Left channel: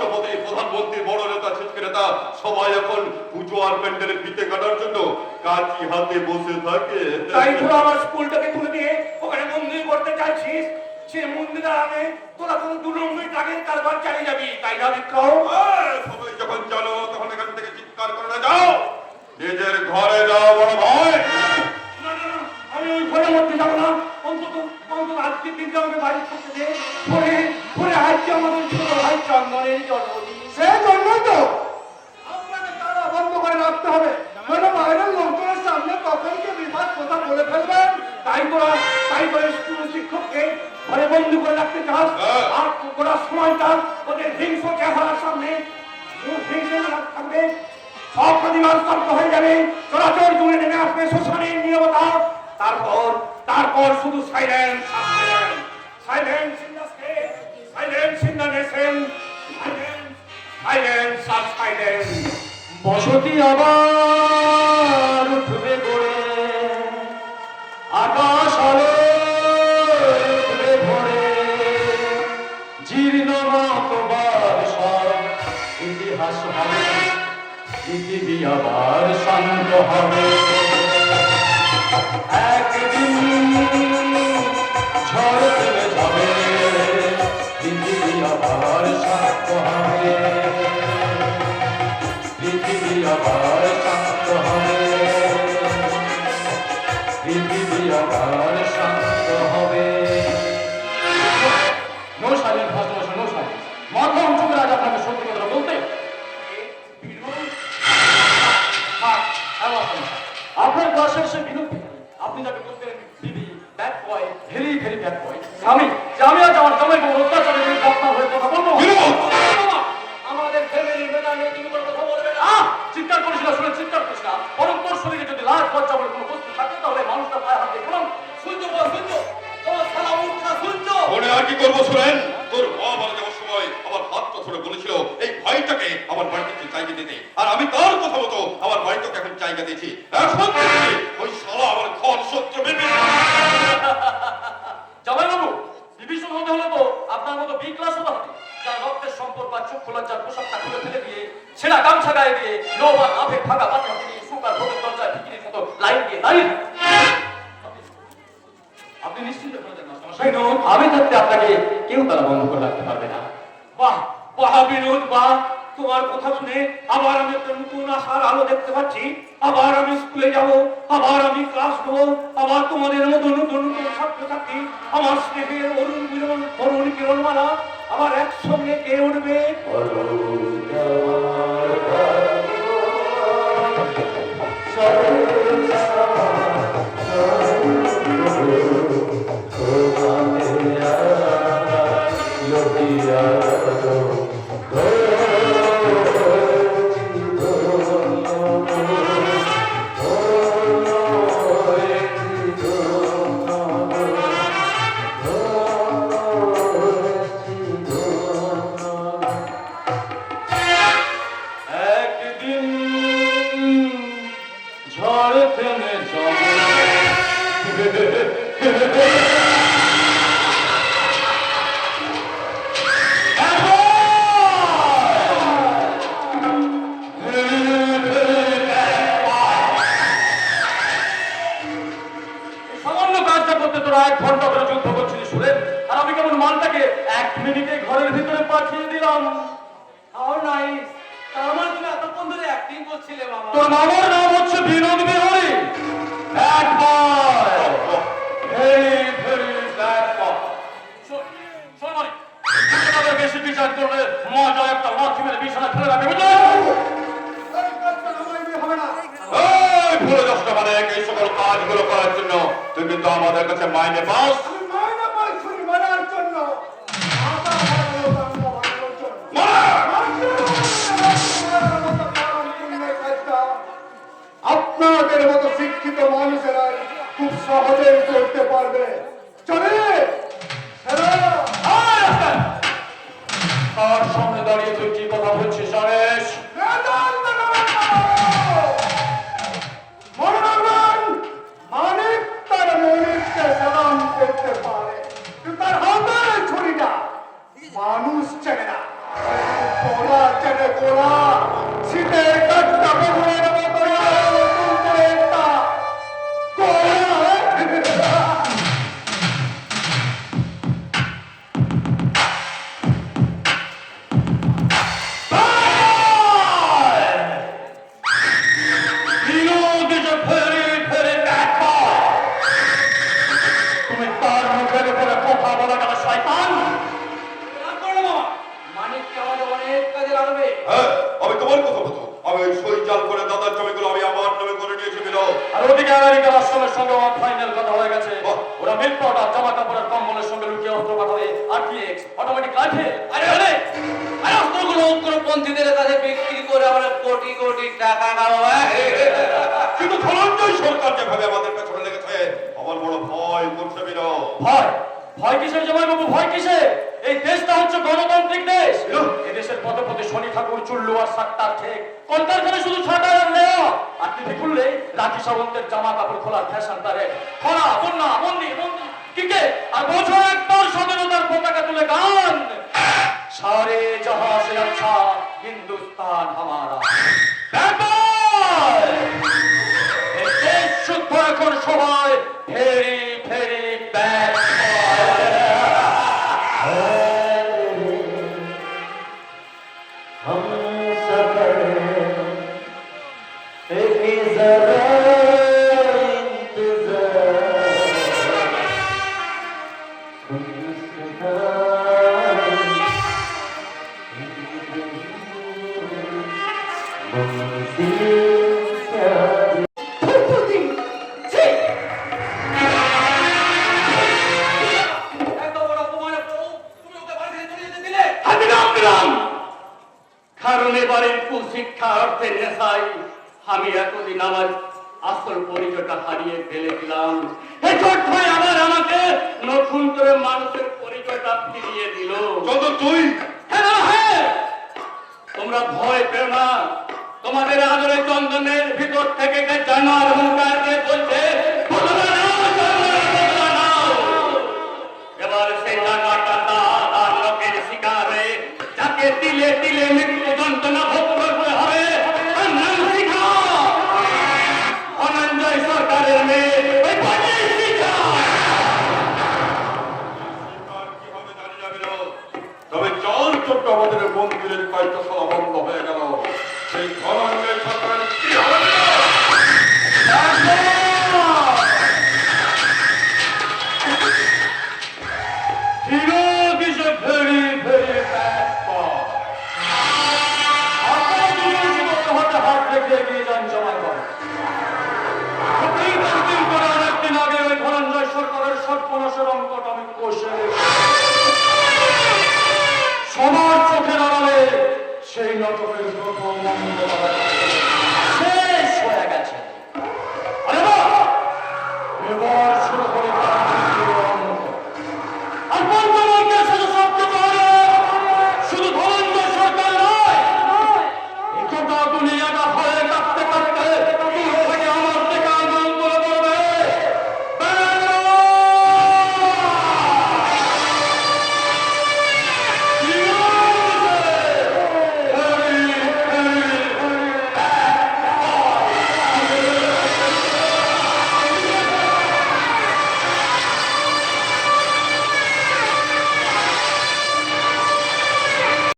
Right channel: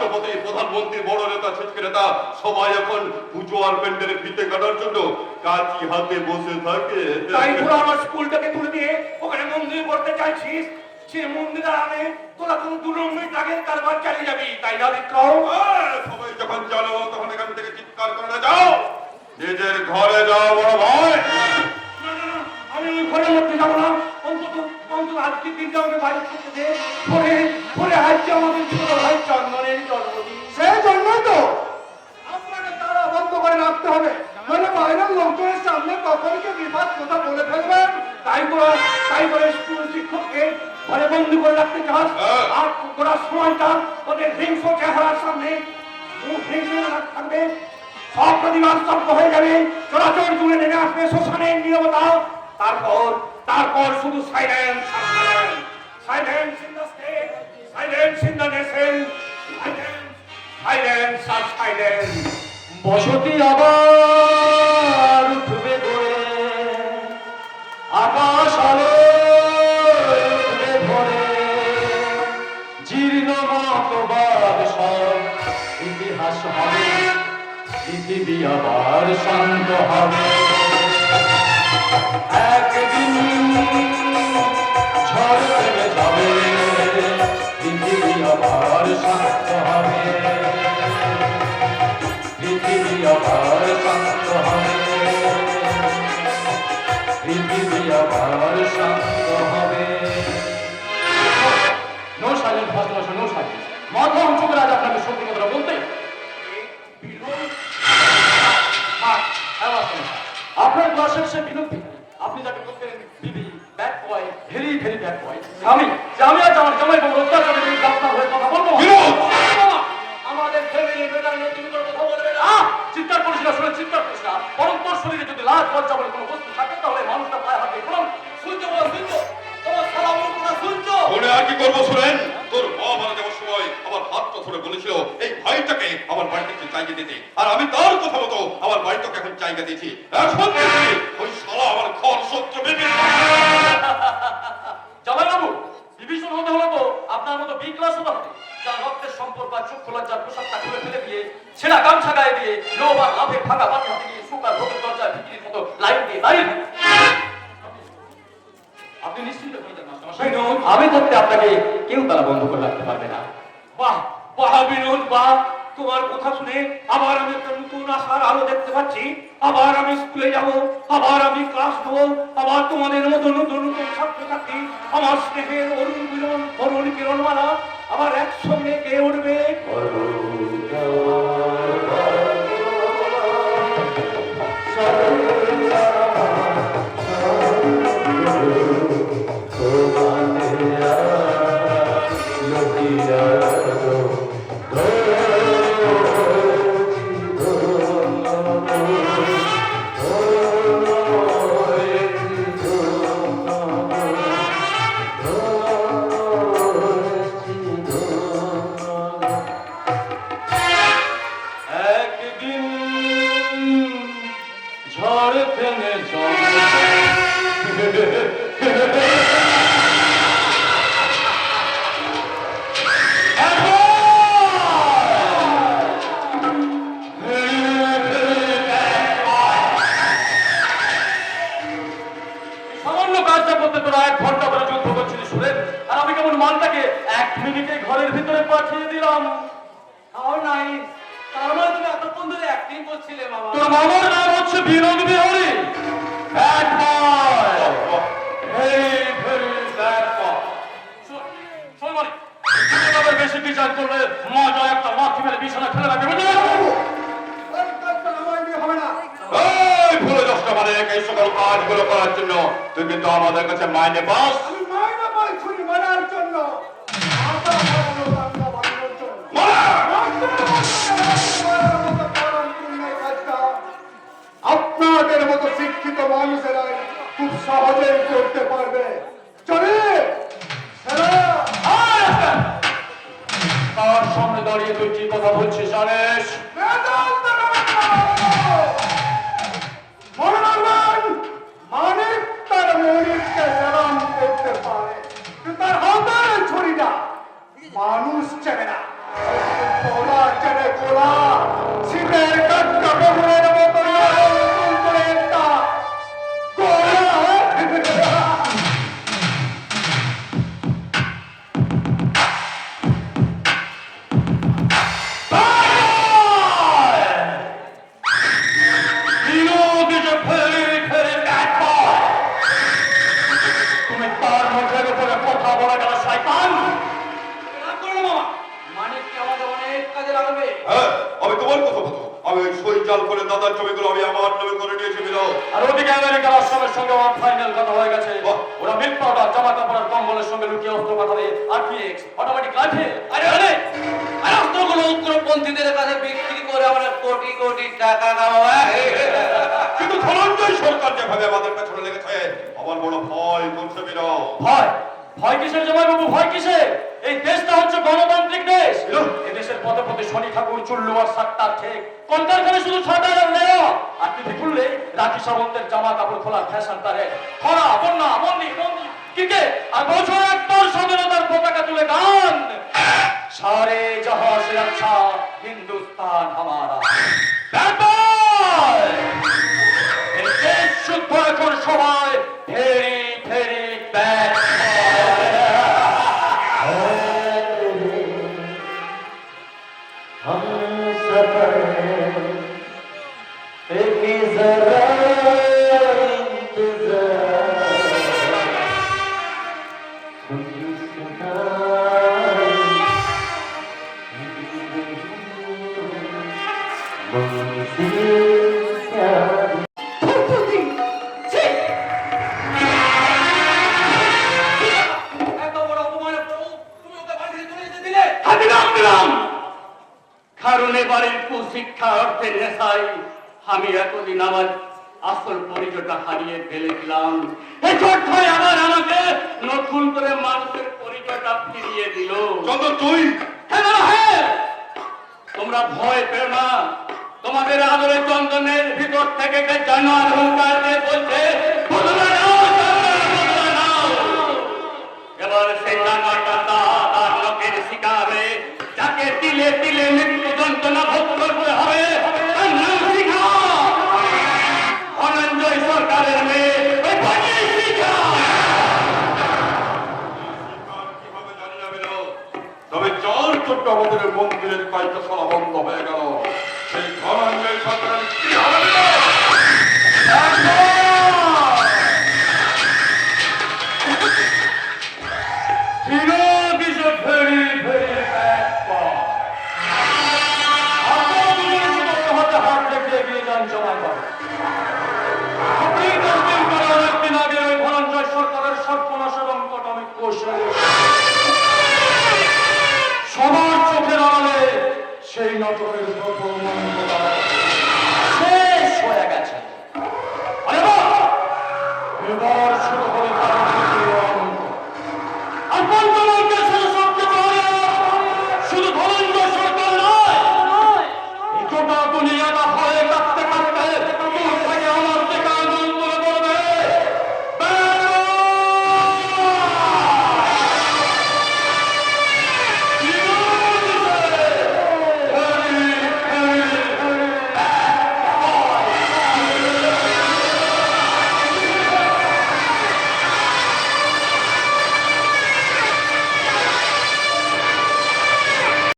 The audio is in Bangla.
রাষ্ট্রপতি প্রধানমন্ত্রী বড় নেতা ছোট্ট নেতা সবাই এখন পুজো আর প্যান্ডেলের ফিতে কাটার জন্য কাঁচি হাতে বসে থাকে। তাই তোরা আমার স্কুলটাকে তুলে দিয়ে ওখানে মন্দির করতে চাইছিস? সে মন্দিরে আমি তোরা কোনো দু নম্বর টাকের কারবার চালিয়ে যাবি। তাই না বিক্রম? তাই করে তাই করে স্কুল শিক্ষককে ঘরে বন্দি করে রাখতে চাস? হ্যাঁ। আর ওরা সময় তার ওদের হিংস চেহারার সামনে মুখ হিংসে থাকবে। সব প্রতিবাদ স্তব্ধ হয়ে যাবে। চলাচল জুড়ে নেমে আসবে শ্মশানের নিরবতা। তারপর তারপর শুধু silence silence in the state silence in the nation silence silence R silence বসতি আবার আবার শান্ত হবে। একদিন ঝড় যাবে পৃথিবী আবার শান্ত হবে। পৃথিবী আবার শান্ত হবে। পৃথিবী আবার শান্ত আমার বলেছিল এই ভাইটাকে আমার বাড়িতে জায়গা দিতে। আর আমি তার কথা মতো আমার বাড়িটাকে এখন জায়গা দিয়েছি। এখন ওই শালা আমার ঘর সহ্য পেতে জামাই বাবু বিভীষণ হতে হলে তো আপনার মতো বি ক্লাস হতে হবে যার রক্তের সম্পদ বা চক্ষু লজ্জার পোশাকটা খুলে ফেলে দিয়ে ছেঁড়া গামছা গায়ে দিয়ে লো বা ফাঁকা হাতে দিয়ে সুকার ভোগের দরজায় বিক্রির মতো লাইন দিয়ে দাঁড়িয়ে আপনি নিশ্চিন্ত হয়ে যান আমি থাকতে আপনাকে কেউ তারা বন্ধ করে রাখতে পারবে না। বাহ! তোমার কথা শুনে আবার আমি একটা নতুন আশার আলো দেখতে পাচ্ছি। আবার আমি স্কুলে যাব, আবার আমি ক্লাস নেব আবার তোমাদের মতো নতুন নতুন ছাত্রছাত্রী, আমার স্নেহের অরুণ বিরণ অরুণ কিরণমালা আমার একসঙ্গে কে উঠবে? একদিন মালটাকে এক মিনিটে ঘরের ভিতরে পাঠিয়ে দিলাম। তাও নাই। আমার তুমি এতক্ষণ ধরে অ্যাক্টিং করছিলে মামা। তোর মামার নাম হচ্ছে বিনোদ বিহারী ব্যাড বয় বেশি টিচার করবে? মজা একটা মেরে বিছানা ফেলে রাখবে। ভুলে যাস মানে করার জন্য তুই কিন্তু আমাদের কাছে মাইনে পাস। করতে পারবে। চলে! তার সামনে দাঁড়িয়ে তুই কথা বলছিস জানিস মানিক তার মনিককে প্রণাম করতে পারে কিন্তু ওই করে দাদার জমিগুলো আমি আমার নামে করে নিয়েছি দিল আর ওদিকে আমেরিকার আশ্রমের সঙ্গে আমার ফাইনাল কথা হয়ে গেছে। ওরা মিল্ক পাউডার জামা কাপড়ের কম্বলের সঙ্গে লুকিয়ে অস্ত্র পাঠাবে আরপিএক্স অটোমেটিক রাইফেল আরে আরে আরে অস্ত্রগুলো উগ্রপন্থীদের কাছে বিক্রি করে আমরা কোটি কোটি টাকা হ্যাঁ? কামাবো কিন্তু ধনঞ্জয় সরকার যেভাবে আমাদের পেছনে লেগেছে আমার বড় ভয় বলছে দিল ভয়? ভয় কিসের জামাই বাবু ভয় কিসের? এই দেশটা হচ্ছে গণতান্ত্রিক দেশ। এই দেশের পথে পথে শনি ঠাকুর চুল্লু আর সাতটার ঠিক। শুধু ছাটা আর নেওয়া আর টিভি খুললে? সামন্তের জামা কাপড় খোলার ফ্যাশন প্যারে খরা বন্যা বন্দি টিকে আর বছর একবার স্বাধীনতার পতাকা তুলে গান। সারে জহাঁ সে আচ্ছা হিন্দুস্তান হামারা। ব্যাপার! দেশ শুদ্ধ এখন সবাই ফেরি ফেরি ব্যাক কারণ এবারের কুশিক্ষা অর্থের নেশায় আমি এতদিন আমার আসল পরিচয়টা হারিয়ে ফেলেছিলাম আবার আমাকে নতুন করে মানুষের পরিচয়টা ফিরিয়ে দিল চন্দ্র তুই তোমরা ভয় পেও না। তোমাদের আদরে চন্দনের ভিতর থেকে জানোয়ার হুঙ্কার বলছে। এবার সেই জানোয়ারটা শিকারে, যাকে তিলে তিলে মৃত্যু যন্ত্রণা ভোগ করতে হবে সরকারের মেয়ে